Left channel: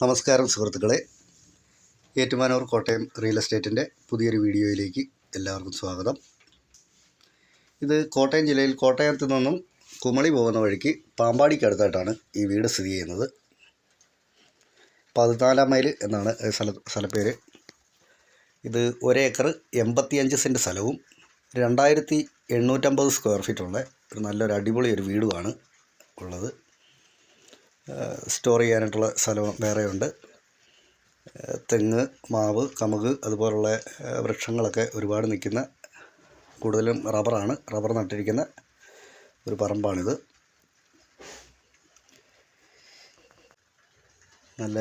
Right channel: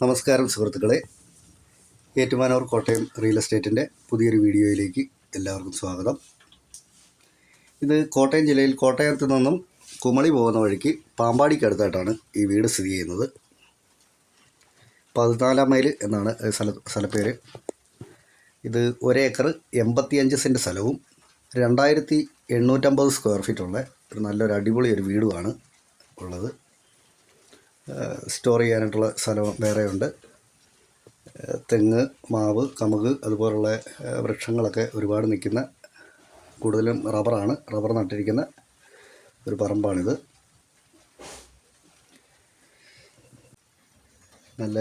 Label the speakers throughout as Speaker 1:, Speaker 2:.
Speaker 1: നമസ്കാരം സുഹൃത്തുക്കളെ. ഏറ്റുമാനൂർ കോട്ടയം റിയൽ എസ്റ്റേറ്റിന്റെ പുതിയൊരു വീഡിയോയിലേക്ക് എല്ലാവർക്കും സ്വാഗതം. ഇത് കോട്ടയം ജില്ലയിൽ കോട്ടയത്ത് നിന്നും കുമളി പോകുന്ന വഴിക്ക് പാമ്പാടിക്ക് അടുത്തായിട്ടാണ് ഈ വീട് സ്ഥിതി ചെയ്യുന്നത്. പതിനാലാം മൈൽ എന്നാണ് സ്ഥല സ്ഥലപ്പേര് ഇത് ഒരേക്കർ എൺപത്തിയഞ്ച് സെന്റ് സ്ഥലവും രണ്ടായിരത്തി എണ്ണൂറ്റമ്പത് സ്ക്വയർ ഫീറ്റുള്ള ഒരു നല്ലൊരു അടിപൊളി ഒരു വീടുമാണ് ഉള്ളത്. സ്റ്റോർ ചെയ്യാനായിട്ടുള്ള സ്ഥലം വേറെയുണ്ട്. തെങ്ങ് മാവ് കമുക് അതുപോലുള്ള വൃക്ഷങ്ങളൊക്കെ ഒരുപാട് നിൽക്കുന്ന കൂടുതലും റബ്ബറാണ്. റബ്ബർ നട്ടിരിക്കുന്ന ഒരു പറമ്പാണിത്. നല്ല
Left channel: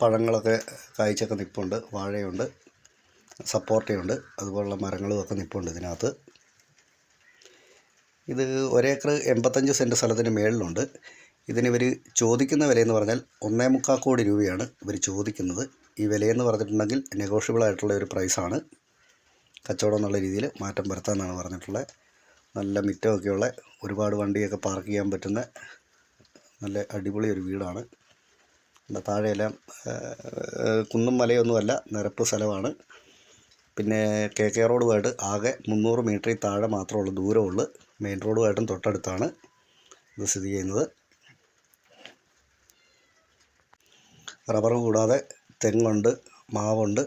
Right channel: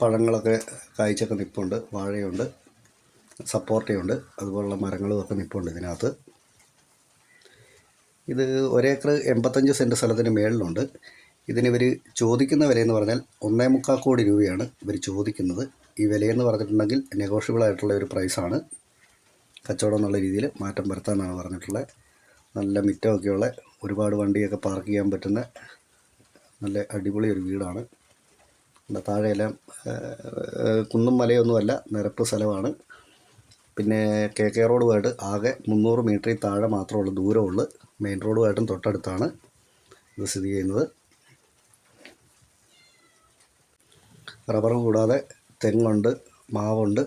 Speaker 1: പഴങ്ങളൊക്കെ കായ്ച്ചൊക്കെ നിൽപ്പുണ്ട് വാഴയുണ്ട്. സപ്പോർട്ടയുണ്ട്. അതുപോലുള്ള മരങ്ങളും ഒക്കെ നിൽപ്പുണ്ട് ഇതിനകത്ത്. ഇത് ഒരേക്കർ എൺപത്തഞ്ച് സെന്റ് സ്ഥലത്തിന് മേളിലുണ്ട്. ഇതിന് ഇവർ ചോദിക്കുന്ന വിലയെന്ന് പറഞ്ഞാൽ ഒന്നേ മുക്കാൽ കോടി രൂപയാണ് ഇവർ ചോദിക്കുന്നത്. ഈ വിലയെന്ന് പറഞ്ഞിട്ടുണ്ടെങ്കിൽ നെഗോഷ്യബിൾ ആയിട്ടുള്ള ഒരു പ്രൈസാണ് കച്ചവടം എന്നുള്ള രീതിയിൽ മാറ്റം വരുത്താമെന്നാണ് പറഞ്ഞിട്ടുള്ളത്. നല്ല മിറ്റമൊക്കെയുള്ള ഒരുപാട് വണ്ടിയൊക്കെ പാർക്ക് ചെയ്യാൻ പറ്റുന്ന നല്ല അടിപൊളി ഒരു വീടാണ്. താഴെയെല്ലാം കുന്നും മലയൊന്നുമല്ല നിരപ്പ് സ്ഥലമാണ്. പിന്നെ കെ കെ റോഡുമായിട്ട് ആകെ മുന്നൂറ് മീറ്ററിൽ താഴെ മാത്രമുള്ള ദൂരമുള്ളൂ മെയിൻ റോഡുമായിട്ടും തൊട്ടടുത്താണ് ഇത് സ്ഥിതി ചെയ്യുന്നത്. റബ്ബർ കൂടാതെ തെങ്ങുണ്ട് മാവുണ്ട്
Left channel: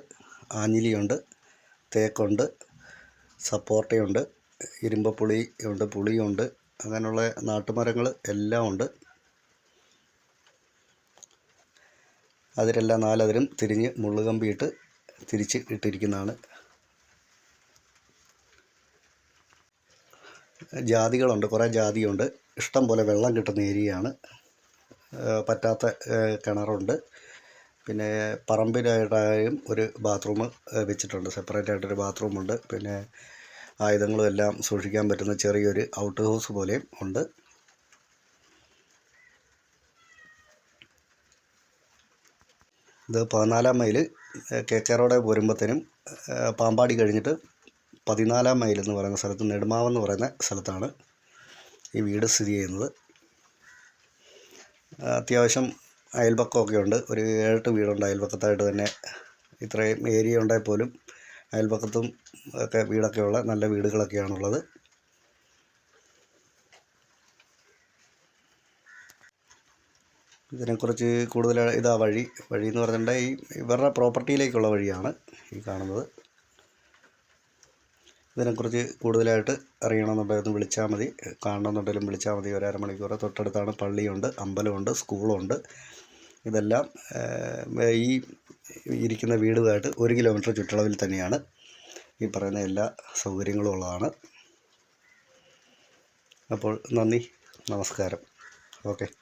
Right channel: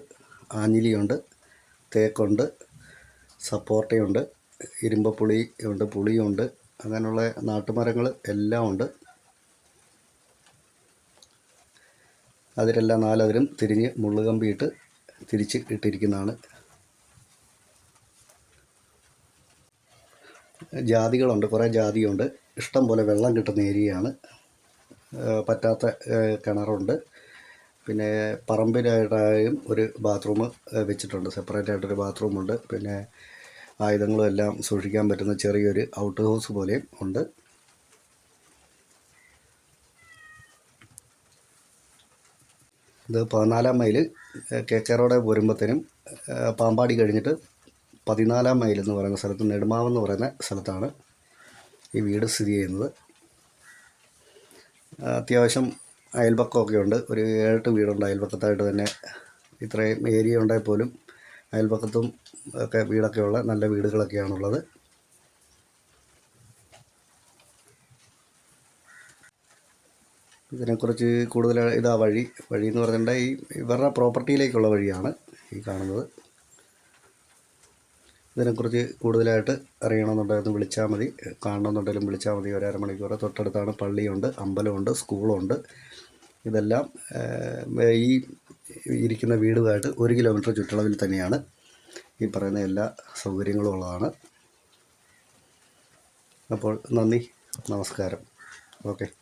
Speaker 1: ആഞ്ഞിലിയുണ്ട് തേക്കുണ്ട് സപ്പോർട്ടയുണ്ട് ഇരുമ്പപ്പുളി ഉണ്ട് പുളിയുണ്ട് അങ്ങനെയുള്ള നാട്ടുമരങ്ങൾ എല്ലാം ഉണ്ട്. അതിലെല്ലാം നാലതിരും തിരിഞ്ഞ് മുള്ളുകമ്പിയിട്ട് തിരിച്ച് ഇട്ടിരിക്കുന്നതാണ്. ജാതികളുണ്ട് കുറേ ജാതിയുണ്ട്. ഇഷ്ടം പോലെ വെള്ളം കിട്ടുന്ന ഏരിയയാണ്. പറ്റാത്ത കിണറുണ്ട്. പിന്നെ പറമ്പിലായിട്ടായും ഒരു ബാത്റൂം വെച്ചിട്ടുണ്ട്. സെപ്പറേറ്റ് ആയിട്ടൊരു ബാത്റൂമുണ്ട് പിന്നെ ആയുധങ്ങളും എല്ലാം സൂക്ഷിക്കാൻ പറ്റുന്ന ചെറിയൊരു ഔട്ട് ഹൗസ് പോലെയും ഉണ്ട്. ഇത് പതിനാലാം മൈൽ കെ കെ റോഡ് വരുമ്പോഴത്തേനും ഏഹ് പാമ്പാടി കഴിഞ്ഞിട്ട് പതിനാലാം മൈൽ എന്ന് പറയുന്ന സ്ഥലത്ത് നെടുമാവ് എന്ന് പറയുന്ന സ്ഥലത്താണ് ഈ വീട് സ്ഥിതി ചെയ്യുന്നത്. അത്യാവശ്യം അയൽപക്കമൊക്കെ ഉണ്ട് ഒരു ഏഴെട്ട് വീടുണ്ട്. അയൽപക്കത്തായിട്ട് തന്നെ ഇത്രയും ഏരിയ ഉണ്ടായി പോലും അയൽപക്കത്തും ഒക്കെ വീടൊക്കെ ഉള്ള നല്ല വീടുകളൊക്കെയാണുള്ളത്. ഇതിനെക്കുറിച്ച് കൂടുതൽ ഇതാ വഴി വഴി എന്ന് പറഞ്ഞിട്ടുണ്ടെങ്കിൽ ഈ ഇവരുടെ പ്രോപ്പർട്ടിയിലേക്കുള്ള വഴിയാണ് ഈ കാണുന്നത്. ഇതിനെക്കുറിച്ച് കൂടുതലായിട്ട് അറിയണമെന്നുണ്ടെങ്കിൽ വിളിച്ചാൽ മതി. കാണണമെന്നുണ്ടെങ്കിലും വിളിച്ചാൽ മതി. ഒരു അരമണിക്കൂർ തൊട്ടടുത്താണ് പള്ളിയുണ്ട് അമ്പലമുണ്ട് സ്കൂളുണ്ട്. ഇതെല്ലാം ഈ ഇരിക്കുന്ന വീടുമായിട്ട് ഒരു കിലോമീറ്റർ ചുറ്റളവിൽ തന്നെയാണ് ഈ പറയുന്ന എല്ലാ സൗകര്യങ്ങളും ഉള്ളതാണ്. അപ്പോൾ നന്ദി നമസ്കാരം. ഓക്കെ.